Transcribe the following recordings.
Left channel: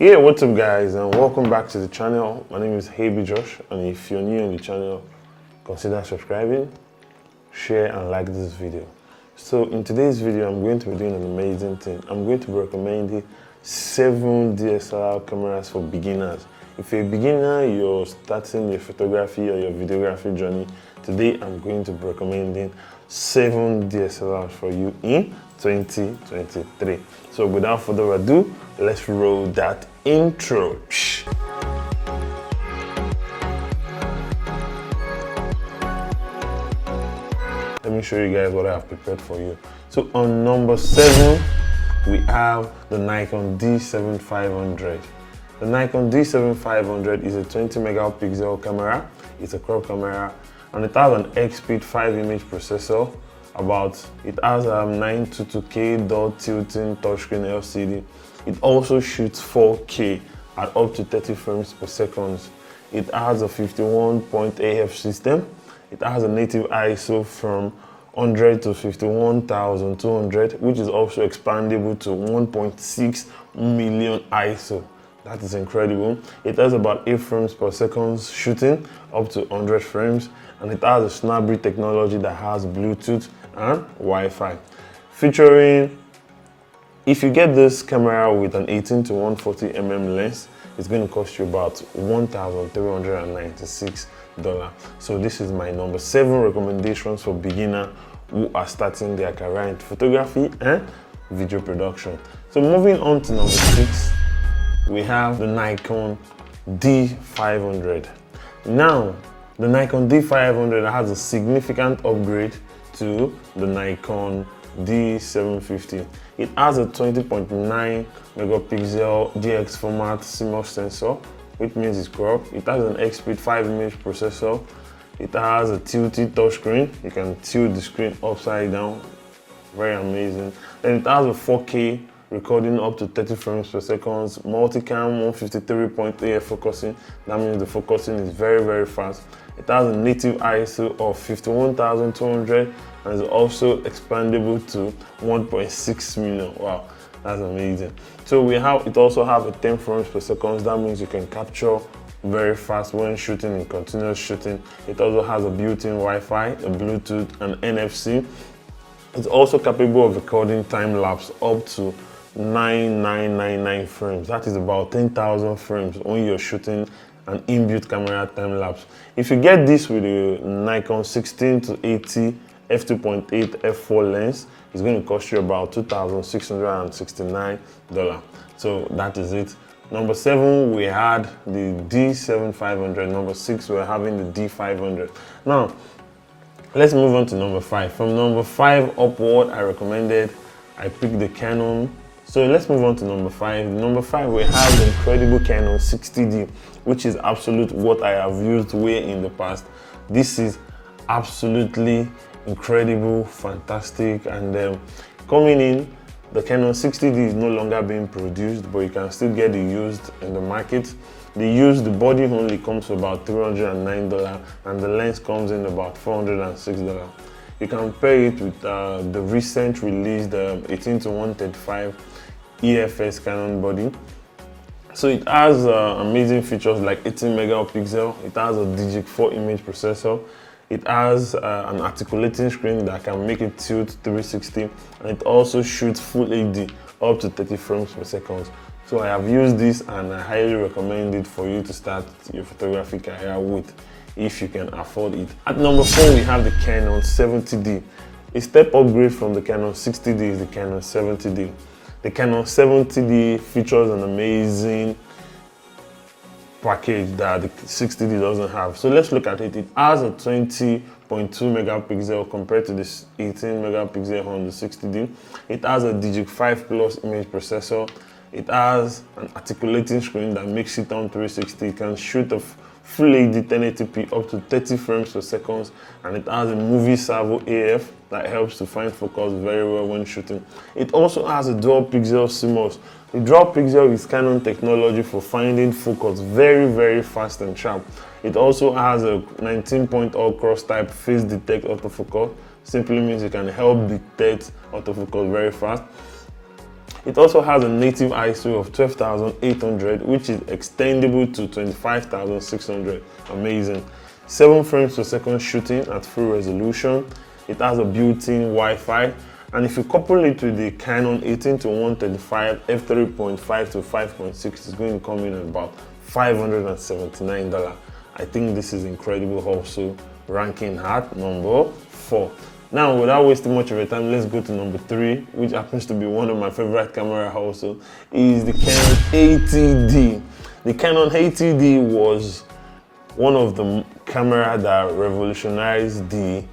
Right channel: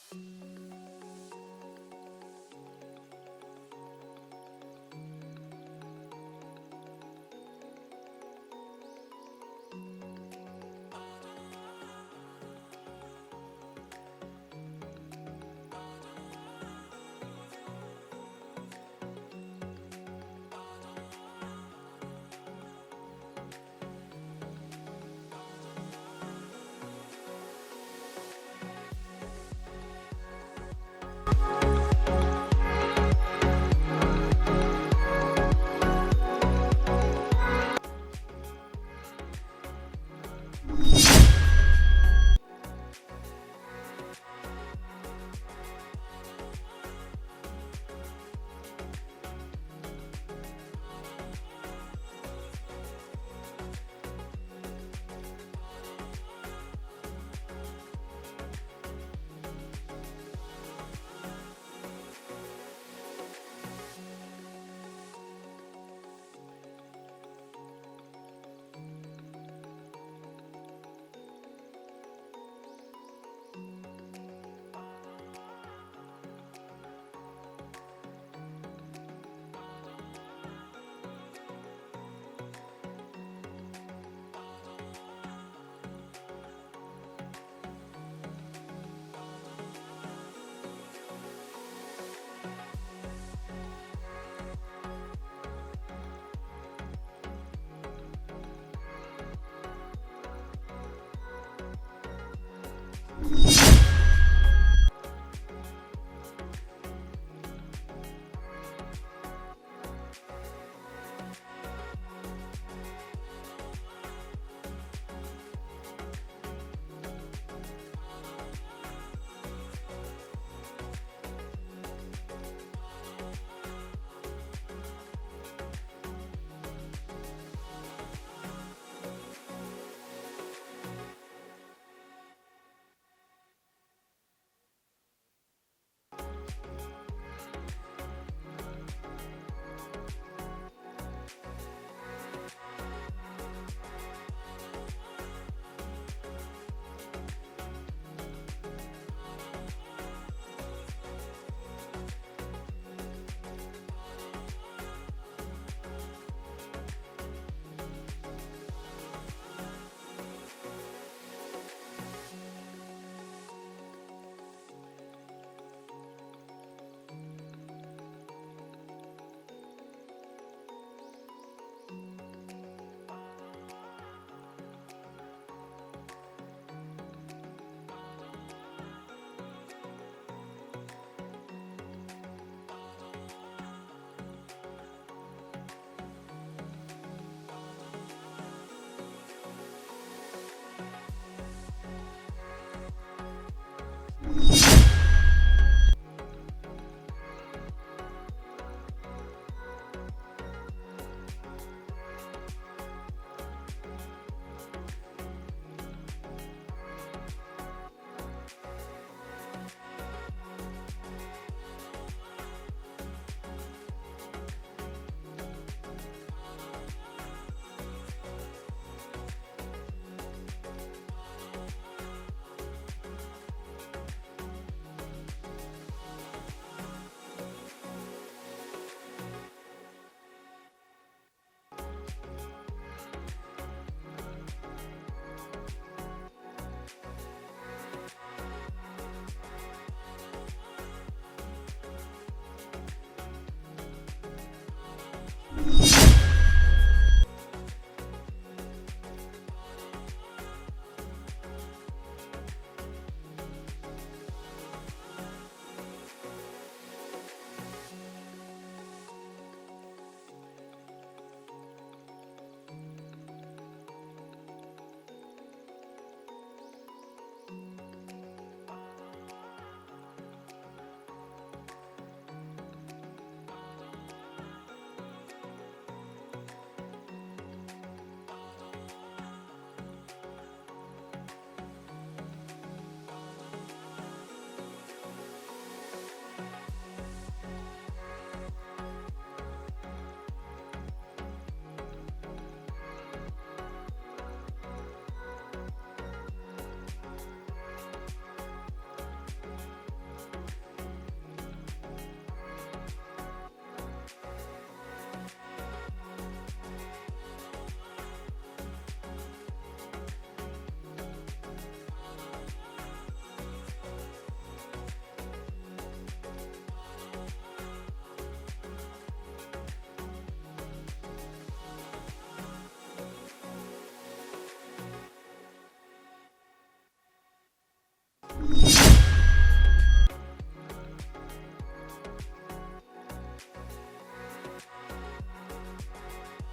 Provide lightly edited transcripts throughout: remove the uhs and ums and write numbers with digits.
Yeah, what's up guys, and welcome back to the channel. My name is abjyosh, and if you're new on the channel, consider subscribing, share and like this video. So in today's video, I'm going to be doing an amazing thing. I'm going to be recommending 7 DSLR cameras for beginners. If you're a beginner, you're starting your photography or your videography journey, today I'm going to be recommending 7 DSLRs for you in 2023. So without further ado, let's roll that intro. Let me show you guys what I have prepared for you. So on number 7, we have the Nikon D7500. The Nikon D7500 is a 20 megapixel camera. It's a crop camera, and it has an X-Speed 5-image processor. It has a 922K dot tilting touchscreen LCD. It also shoots 4K at up to 30 frames per second. It has a 51-point AF system. It has a native ISO from 100 to 51,200, which is also expandable to 1.6 million ISO. That is incredible. It has about 8 frames per second shooting up to 100 frames, and it has a Snapbreed technology that has Bluetooth and Wi-Fi. Featuring, if you get this camera with an 18 to 140 mm lens, it's going to cost you about $1,396. So this is my number 7 recommendations for beginners who are starting their career in photography and video production. So moving on to number 6, we have the Nikon D500. Now, the Nikon D500 has a significant upgrade to the Nikon D750. It has a 20.9 megapixel DX format CMOS sensor, which means it's cropped. It has an X-Speed 5-image processor. It has a tilted touchscreen. You can tilt the screen upside down. Very amazing. And it has a 4K recording up to 30 frames per second, multicam 153-point AF focusing. That means the focusing is very, very fast. It has a native ISO of 51,200 and is also expandable to 1.6 million. Wow, that's amazing. So it also has a 10 frames per second. That means you can capture very fast when shooting in continuous shooting. It also has a built-in Wi-Fi, a Bluetooth and NFC. It's also capable of recording time-lapse up to 9999 frames. That is about 10,000 frames when you're shooting an inbuilt camera time-lapse. If you get this with a Nikon 16 to 80 f2.8 f4 lens, it's going to cost you about $2,669. So that is it. Number 7, we had the D7500. Number 6, we're having the D500. Now, let's move on to number 5. From number 5 upward, I picked the Canon. So let's move on to number 5. Number 5, we have the incredible Canon 60D, which is absolute what I have used way in the past. This is absolutely incredible, fantastic, and coming in, the Canon 60D is no longer being produced, but you can still get it used in the market. The body only comes to about $309, and the lens comes in about $406. You can pair it with the recent released 18 to 135 EFS Canon body. So it has amazing features like 18 megapixel. It has a Digic 4 image processor. It has an articulating screen that can make it tilt 360, and it also shoots full HD up to 30 frames per second. So I have used this, and I highly recommend it for you to start your photography career with, if you can afford it. At number 4, we have the Canon 70D. A step upgrade from the Canon 60D is the Canon 70D. The Canon 70D features an amazing package that the 60D doesn't have. So let's look at it. It has a 20.2 megapixel compared to this 18 megapixel on the 60D. It has a Digic 5 Plus image processor. It has an articulating screen that makes it on 360. It can shoot a Full HD 1080p up to 30 frames per second, and it has a movie servo AF that helps to find focus very well when shooting. It also has a dual pixel CMOS. The dual pixel is Canon technology for finding focus very, very fast and sharp. It also has a 19-point all-cross type face detect autofocus. Simply means you can help detect autofocus very fast. It also has a native ISO of 12,800, which is extendable to 25,600. Amazing. 7 frames per second shooting at full resolution. It has a built-in Wi-Fi, and if you couple it with the Canon 18-135 f3.5 to 5.6, it's going to come in at about $579. I think this is incredible. Also ranking at number 4. Now, without wasting much of your time, let's go to number 3, which happens to be one of my favorite camera also, is the Canon 80D. The Canon 80D was one of the cameras that revolutionized the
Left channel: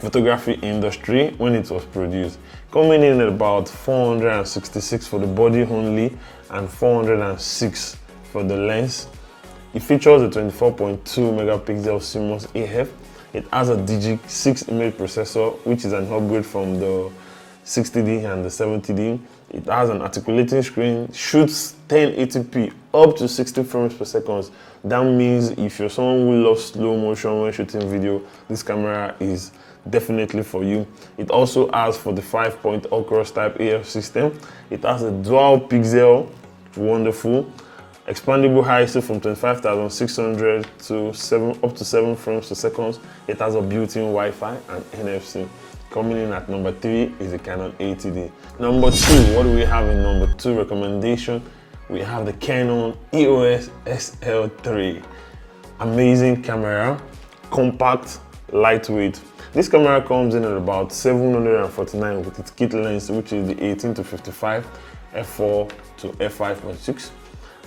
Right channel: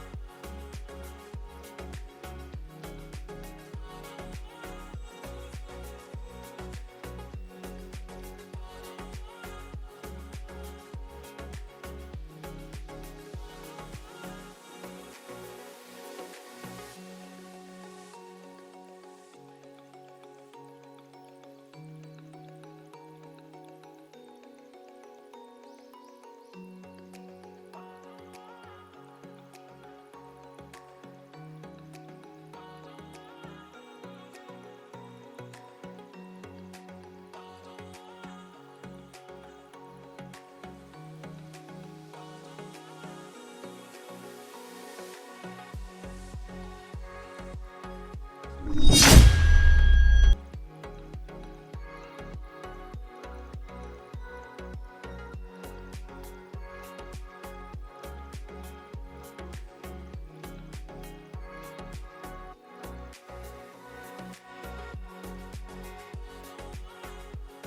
photography industry when it was produced, coming in at about 466 for the body only and 406 for the lens. It features a 24.2 megapixel CMOS AF. It has a Digic 6 image processor, which is an upgrade from the 60D and the 70D. It has an articulating screen, shoots 1080p up to 60 frames per second. That means if you're someone who loves slow motion when shooting video, this camera is definitely for you. It also has 45-point all-cross type AF system. It has a dual pixel, wonderful, expandable ISO from 25,600 to up to 7 frames per second. It has a built-in Wi-Fi and NFC. Coming in at number 3 is the Canon 80D. Number 2, what do we have in number 2 recommendation? We have the Canon EOS SL3. Amazing camera, compact, lightweight. This camera comes in at about $749 with its kit lens, which is the 18-55 f4 to f5.6.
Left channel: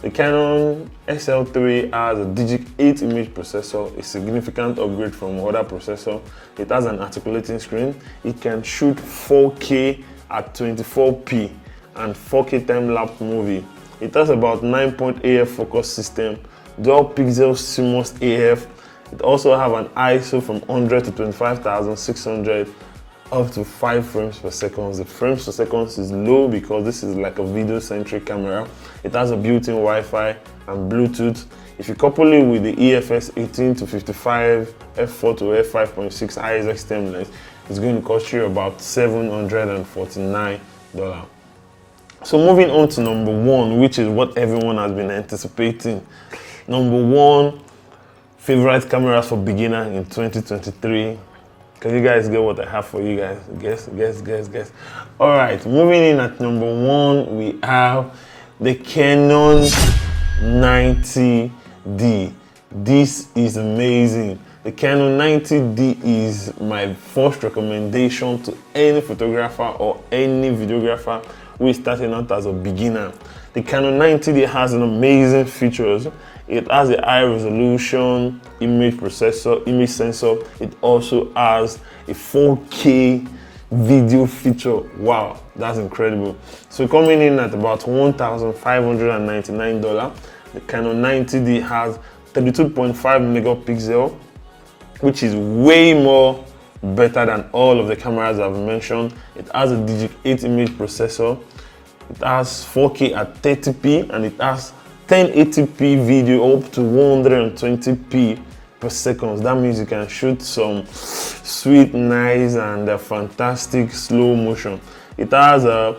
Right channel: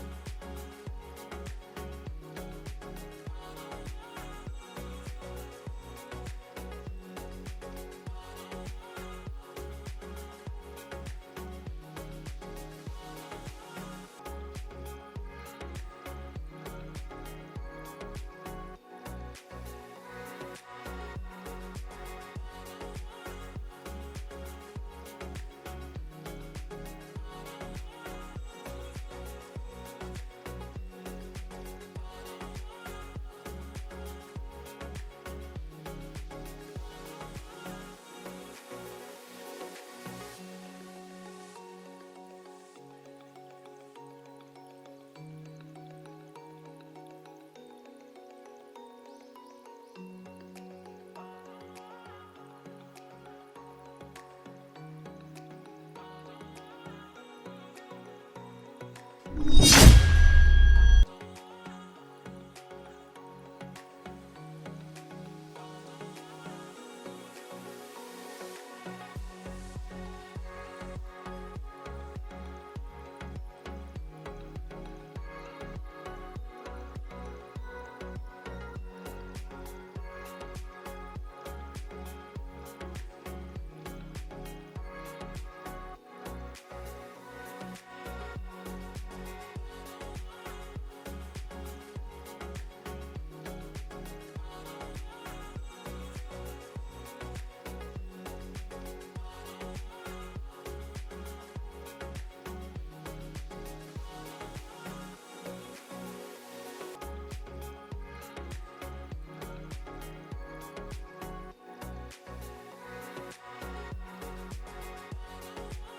The Canon SL3 has a Digic 8 image processor, a significant upgrade from other processor. It has an articulating screen. It can shoot 4K at 24p and 4K time-lapse movie. It has about 9-point AF focus system, dual pixel CMOS AF. It also have an ISO from 100 to 25,600 up to 5 frames per second. The frames per second is low because this is like a video-centric camera. It has a built-in Wi-Fi and Bluetooth. If you couple it with the EFS 18-55 f4 to f5.6 ISX10 lens, it's going to cost you about $749. So moving on to number 1, which is what everyone has been anticipating. Number 1, favorite cameras for beginner in 2023. Can you guys get what I have for you guys? Guess. All right, moving in at number 1, we have the Canon 90D. This is amazing. The Canon 90D is my first recommendation to any photographer or any videographer who is starting out as a beginner. The Canon 90D has an amazing features. It has a high resolution image processor, image sensor. It also has a 4K video feature. Wow, that's incredible. So coming in at about $1,599, the Canon 90D has 32.5 megapixel, which is way more better than all of the cameras I've mentioned. It has a Digic 8 image processor. It has 4K at 30p, and it has 1080p video up to 120p per second. That means you can shoot some sweet, nice, and fantastic slow motion. It has an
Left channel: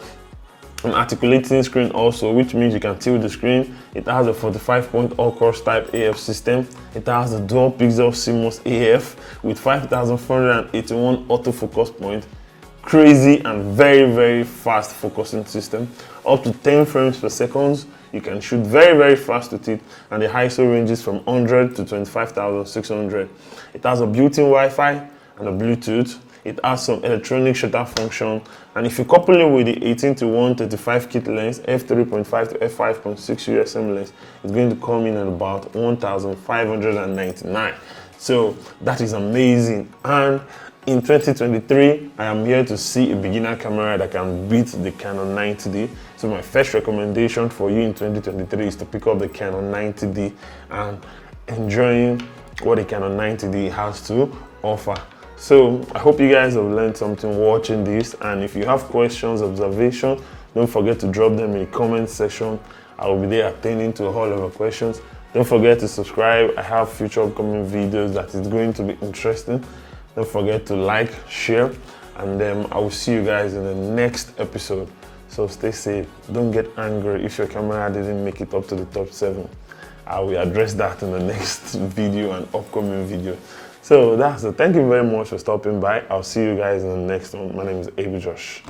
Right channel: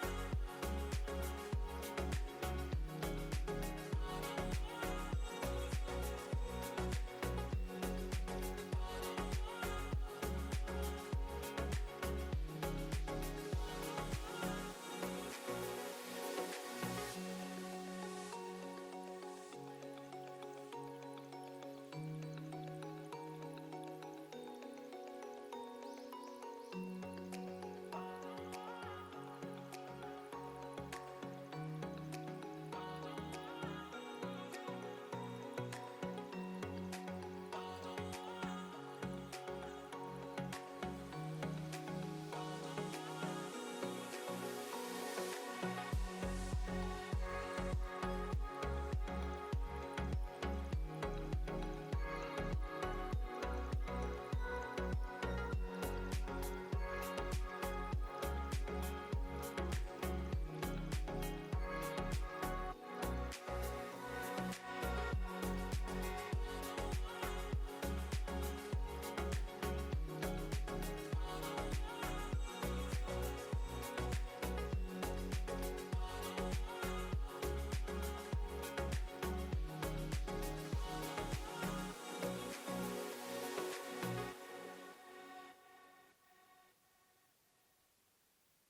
articulating screen also, which means you can tilt the screen. It has a 45-point all-cross type AF system. It has a dual pixel CMOS AF with 5,481 autofocus points. Crazy and very fast focusing system. Up to 10 frames per second. You can shoot very fast with it, and the ISO ranges from 100 to 25,600. It has a built-in Wi-Fi and a Bluetooth. It has some electronic shutter function, and if you couple it with the 18-135 kit lens, f3.5 to f5.6 USM lens, it's going to come in at about $1,599. So that is amazing. And in 2023, I am here to see a beginner camera that can beat the Canon 90D. So my first recommendation for you in 2023 is to pick up the Canon 90D and enjoying what the Canon 90D has to offer. So I hope you guys have learned something watching this, and if you have questions, observations, don't forget to drop them in the comment section. I will be there attending to all of your questions. Don't forget to subscribe. I have future upcoming videos that is going to be interesting. Don't forget to like, share, and then I will see you guys in the next episode. So stay safe. Don't get angry if your camera didn't make it up to the top 7. I will address that in the next video and upcoming video. So that's it. Thank you very much for stopping by. I'll see you guys in the next one. My name is abjyosh.